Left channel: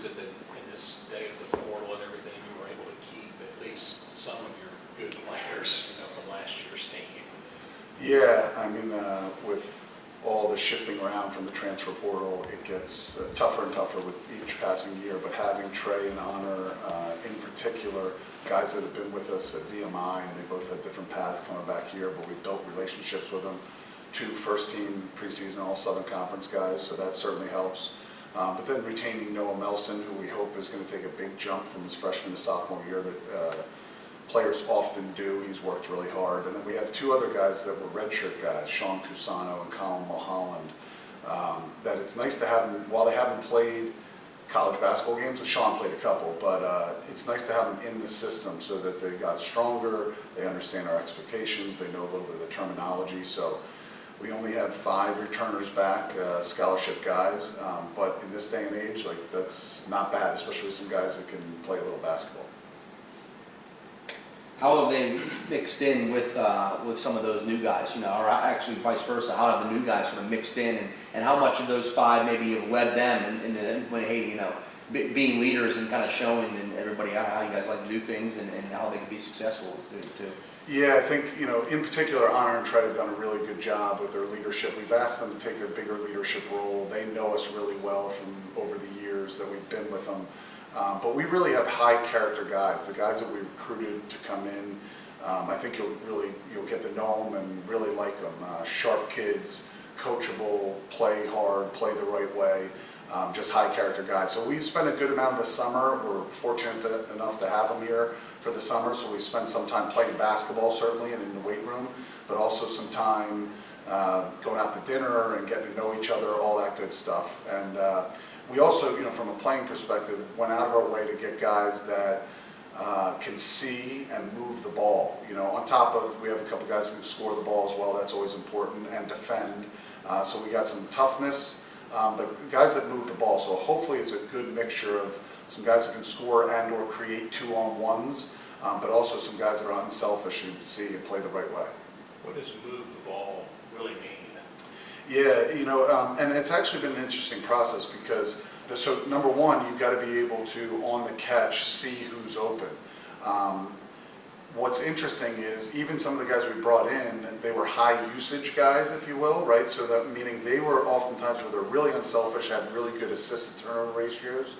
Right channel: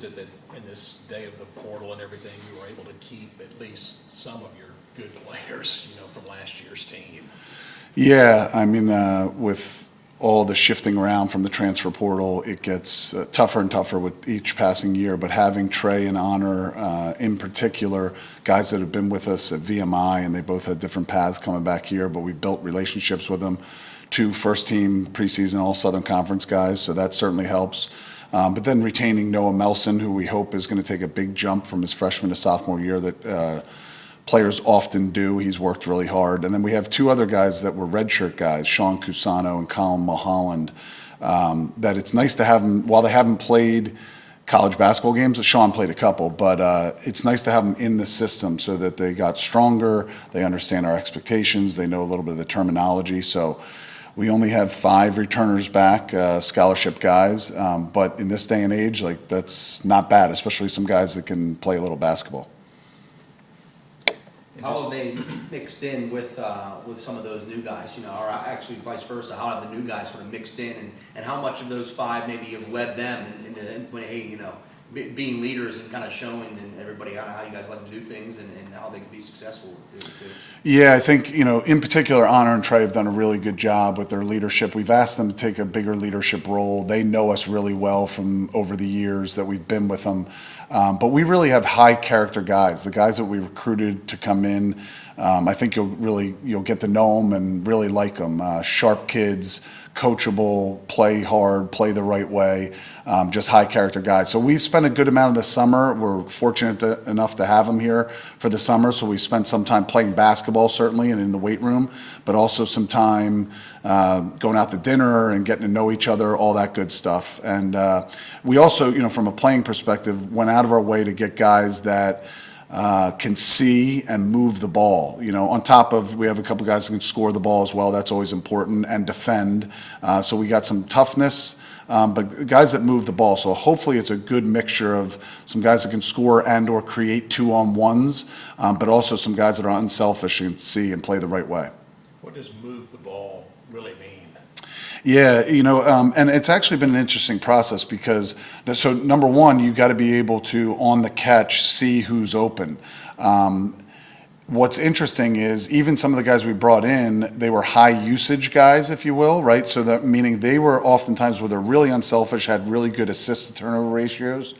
is it that in this day of the portal and everything, you were able to keep at least some of your good players, from last year's team? Yeah, I mean, with all the shifting around from the transfer portal, it gets tougher and tougher with each passing year. But having Trey and Honor, in particular, guys that have been with us at VMI, and they both had different paths coming back here, but we built relationships with them. 2 first-team preseason All-Southern Conference guys, so that certainly helps. But then retaining Noah Melson, who we hope is going to take a big jump from his freshman to sophomore year that players often do. He's worked really hard. And then we have 2 other guys that were redshirt guys, Sean Cusano and Colin Mulholland, that it's nice to have them, while they haven't played college basketball games, Sean played a couple, but it's nice to have them in the system so that they got stronger, they understand our expectations, they know a little bit of the terminology. So we only have 5 returners back, scholarship guys, but in this day and age, like, that's not bad, especially some guys that can play a little basketball. How have they mixed in with some of those new guys, or actually vice versa? How have the new guys sort of mixed in, and how much of those 5 maybe have led them being leaders and kind of showing everybody how you guys like to do things and how they can be successful too? Yeah, I think, in particular, Honor and Trey have done a really good job with their leadership. We've asked them to take a bigger leadership role. They know us really well from over the years that we've been with them. But we really have high character guys. The guys that we recruited to come in, I think you'll get to know them and really like them. Sharp kids, coachable, play hard, play the right way, just high character guys. So we spent a good amount of the summer. We're fortunate enough to have them here for the summer. So we spent some time playing basketball, certainly, and in the weight room, but also some time going out to dinner and getting to know each other, all that good stuff. And we also, from a playing perspective, went out of our way to get guys that can see and move the ball. On top of, we have a couple guys that can score the ball as well. That's always important, and defend. So we got some toughness, but guys that move the ball. So hopefully it's a good mixture of some guys that can score and or create 2-on-1s, but also some guys that are unselfish and see and play the right way. What does move the ball really mean? Yeah, and it's actually been an interesting process because, so number one, you got to be able to, on the catch, see who's open. What's interesting is even some of the guys we brought in, they were high usage guys, if you will, right? So that meaning they were oftentimes where they're really unselfish, had really good assist to turnover ratios,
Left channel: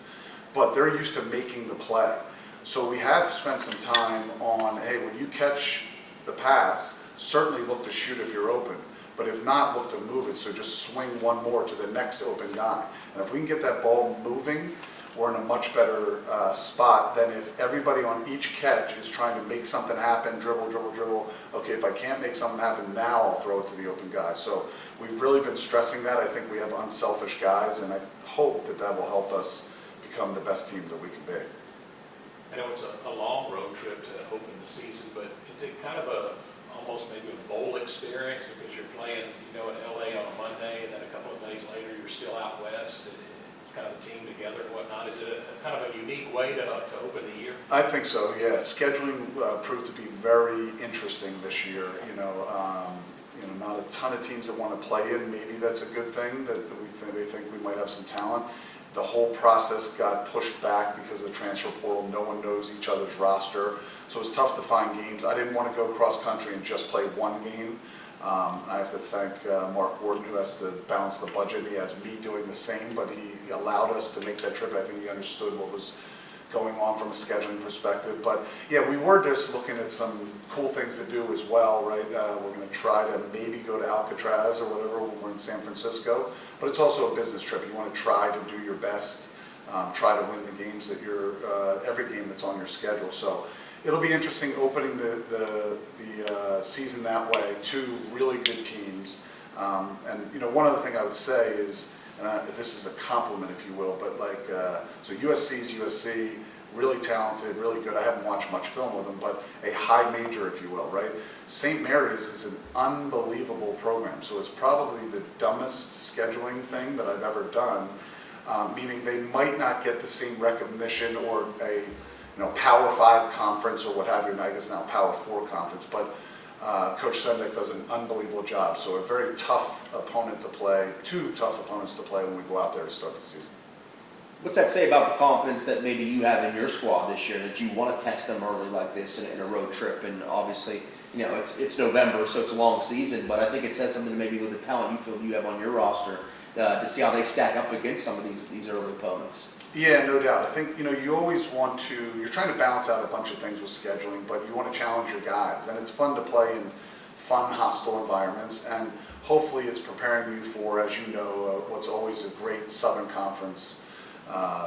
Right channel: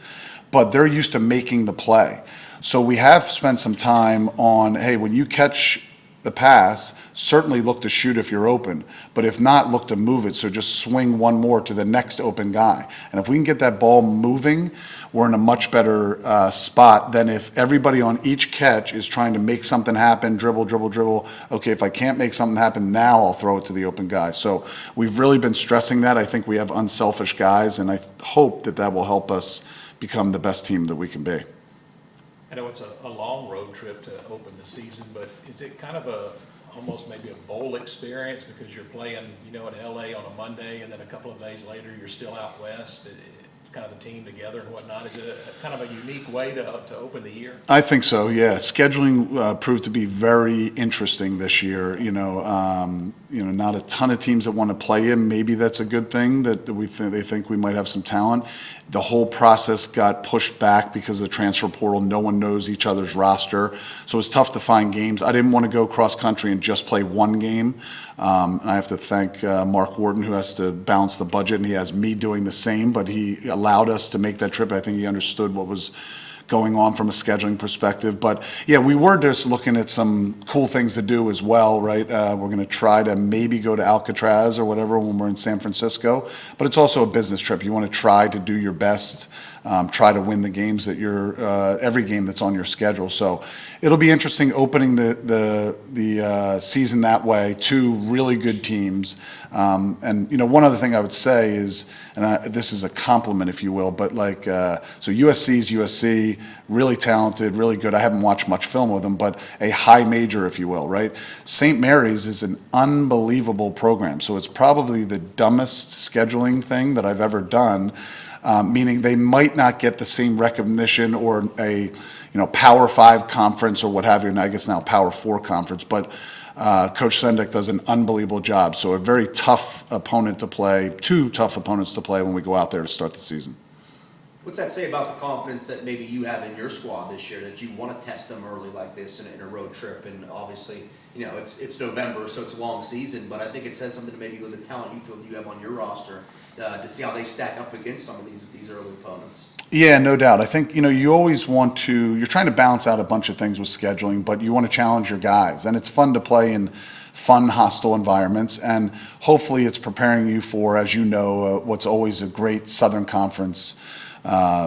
but they're used to making the play. So we have spent some time on, hey, when you catch the pass, certainly look to shoot if you're open, but if not, look to move it. So just swing one more to the next open guy. And if we can get that ball moving, we're in a much better spot than if everybody on each catch is trying to make something happen, dribble, dribble, dribble. Okay, if I can't make something happen now, I'll throw it to the open guy. So we've really been stressing that. I think we have unselfish guys, and I hope that will help us become the best team that we can be. I know it's a long road trip to open the season, but is it kind of almost maybe a bowl experience because you're playing, in LA on a Monday, and then a couple of days later you're still out west, kind of the team together and whatnot? Is it kind of a unique way to open the year? I think so, yeah. Scheduling proved to be very interesting this year. Not a ton of teams that want to play in. Maybe that's a good thing that they think we might have some talent. The whole process got pushed back because of the transfer portal. No one knows each other's roster. So it's tough to find games. I didn't want to go cross country and just play one game. I have to thank Mark Wharton, who has to balance the budget, and he has me doing the same, but he allowed us to make that trip. I think he understood what was going on from a scheduling perspective. But yeah, we were just looking at some cool things to do as well, right? We're going to try to maybe go to Alcatraz or whatever when we're in San Francisco, but it's also a business trip. You want to try to do your best, try to win the games that every game that's on your schedule. So it'll be interesting opening the season that way. 2 really good teams. And one other thing I would say is, and this is a compliment, if you will, but so USC's USC, really talented, really good. I haven't watched much film with them, but a high major, if you will, right? St. Mary's is an unbelievable program. So it's probably the dumbest scheduling thing that I've ever done, meaning they might not get the same recognition or a Power 5 conference or what have you, and I guess now Power 4 conference, but Coach Sendek does an unbelievable job. So a very tough opponent to play, 2 tough opponents to play when we go out there to start the season. What's that say about the confidence that maybe you have in your squad this year, that you want to test them early like this in a road trip? And obviously, you know, it's November, so it's a long season, but I think it says something maybe with the talent you feel you have on your roster to see how they stack up against some of these early opponents. Yeah, no doubt. I think, you know, you always want to, you're trying to balance out a bunch of things with scheduling, but you want to challenge your guys. And it's fun to play in fun, hostile environments. And hopefully it's preparing you for, as you know, what's always a great Southern Conference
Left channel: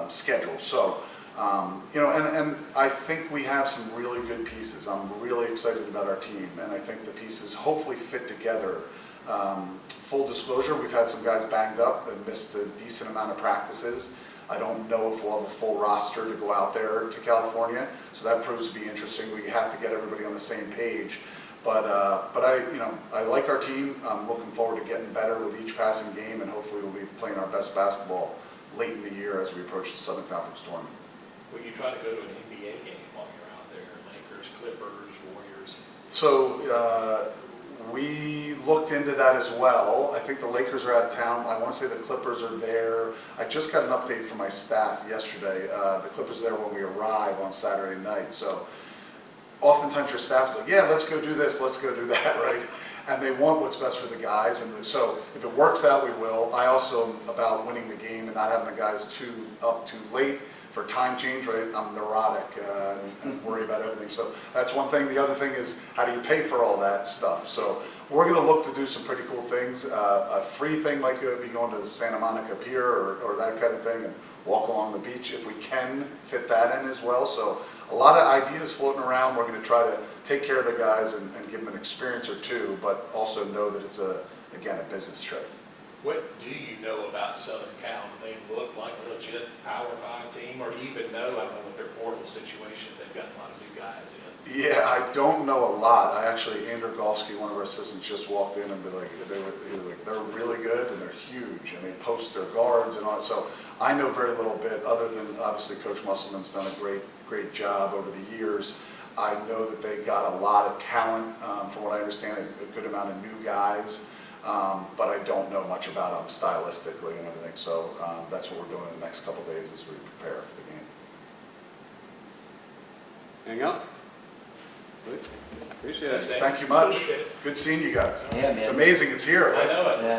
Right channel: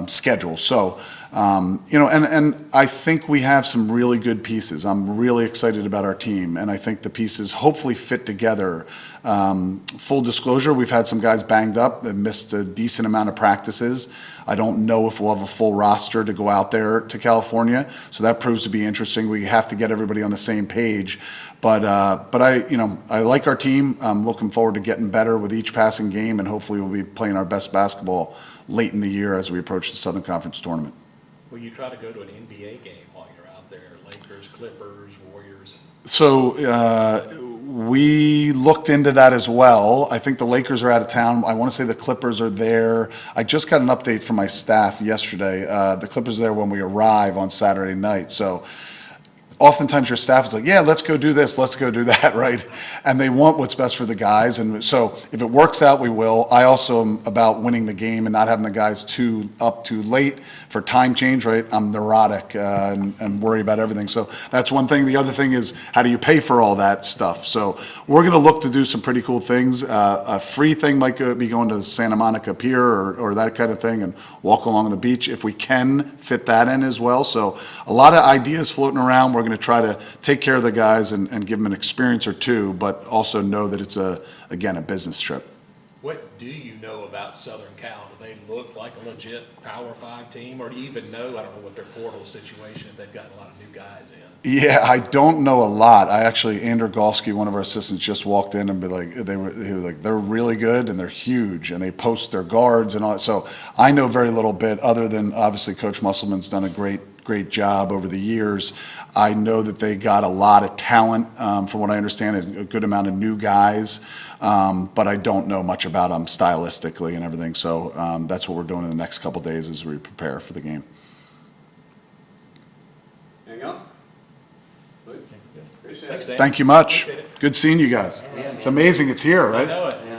schedule. So, you know, and I think we have some really good pieces. I'm really excited about our team, and I think the pieces hopefully fit together. Full disclosure, we've had some guys banged up that missed a decent amount of practices. I don't know if we'll have a full roster to go out there to California, so that proves to be interesting. We have to get everybody on the same page. But I like our team. I'm looking forward to getting better with each passing game, and hopefully we'll be playing our best basketball late in the year as we approach the Southern Conference tournament. Will you try to go to an NBA game while you're out there? Lakers, Clippers, Warriors? So we looked into that as well. I think the Lakers are out of town. I want to say the Clippers are there. I just got an update from my staff yesterday. The Clippers are there when we arrive on Saturday night. So oftentimes your staff is like, yeah, let's go do this, let's go do that, right? And they want what's best for the guys. And so if it works out, we will. I also am about winning the game and not having the guys too late for time change, right? I'm neurotic and worry about everything. So that's one thing. The other thing is, how do you pay for all that stuff? So we're going to look to do some pretty cool things. A free thing might be going to Santa Monica Pier or that kind of thing and walk along the beach if we can fit that in as well. So a lot of ideas floating around. We're going to try to take care of the guys and give them an experience or two, but also know that it's again, a business trip. What do you know about Southern Cal? Do they look like a legit Power 5 team, or do you even know, like, with their portal situation, they've gotten a lot of new guys in? Yeah, I don't know a lot. Andrew Golsky, one of our assistants, just walked in and he was like, they're really good and they're huge and they post their guards and all that. So I know very little bit, other than obviously Coach Musselman's done a great job over the years. I know that they got a lot of talent, from what I understand, a good amount of new guys. But I don't know much about them stylistically and everything. So that's what we're doing in the next couple of days as we prepare for the game. Anything else? Good. Appreciate it. Thanks, Dan. Thank you much. Appreciate it. Good seeing you guys. Yeah, man. It's amazing it's here, I right? know,